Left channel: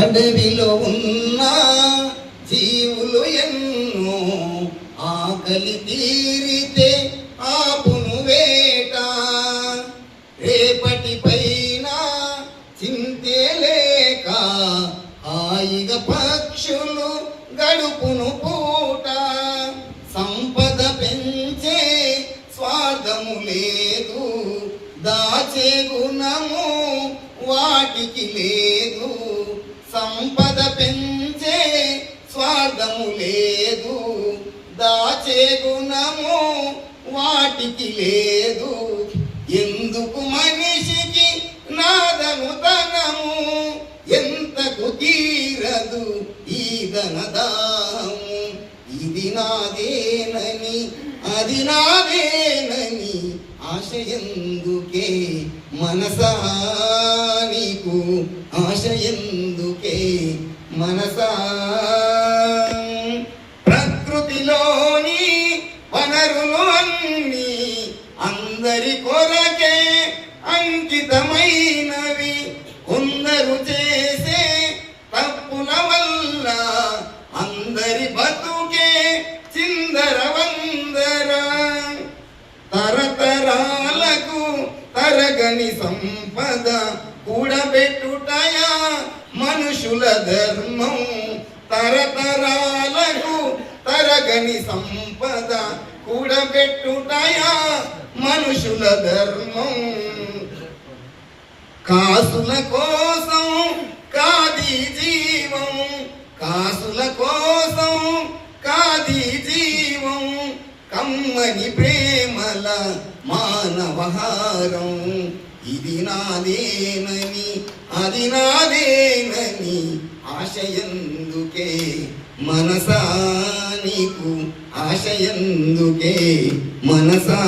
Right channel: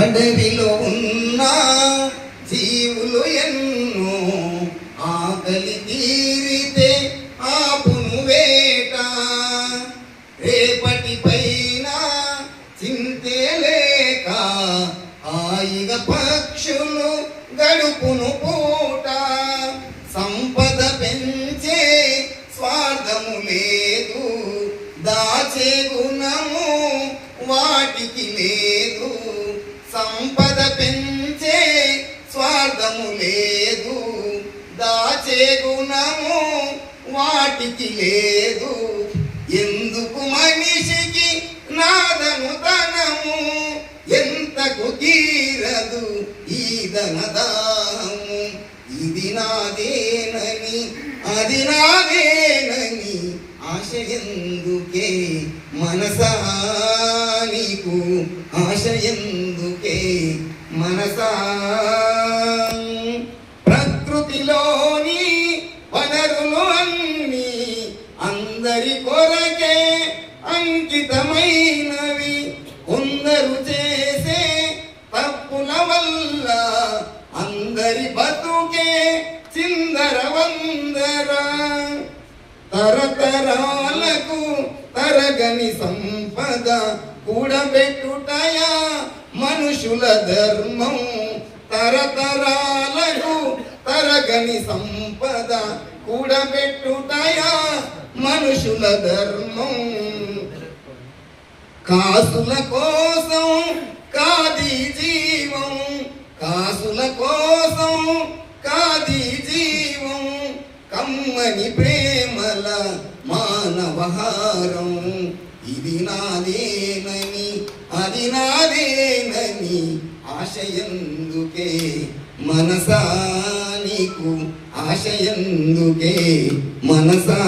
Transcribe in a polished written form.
అడవిలో ఉన్న జీవులు ఎన్నో ఆకలి తీరితే ఆపును వేట. రేపటి పైన చింతే లేక హాయిగా పక్షులు గడుపును పూట. సంపద పెంచే స్వార్థము లేదు, దాచే గుణము వాటికి లేదు. సంపద పెంచే స్వార్థము లేదు, దాచే గుణము వాటికి లేదు. ఎందుకు మనిషికి నాదను ధనము, ఎంతకు తీరదు ఈ ధనదాము. ఇది నాదేనని అది నాదేనని ఆశ ఎందుకే మనసా నీకు, ఆశ ఎందుకే మనసా. ప్రకృతిలోని వనరులు అన్నీ అందరి కొరకే అంకితమైనవి. కొందరు చేసే తప్పుల వల్ల అందరి బతుకే చిందరవందర. తరతరాలకు తరగని సంపద కూడబెట్టుటయా మనుషుల ధర్మం. తరతరాలకు తరగని సంపద కూడబెట్టుటయా మనుషుల ధర్మం. కాసుల కోసం కాది జీవం, కాసుల కోసం కాది జీవం. కమ్మని ప్రేమల మానవహారం. ఇది నాదేనని అది నాదేనని ఆశ ఎందుకే మనసా నీకు, ఆశ ఎందుకే మనసా.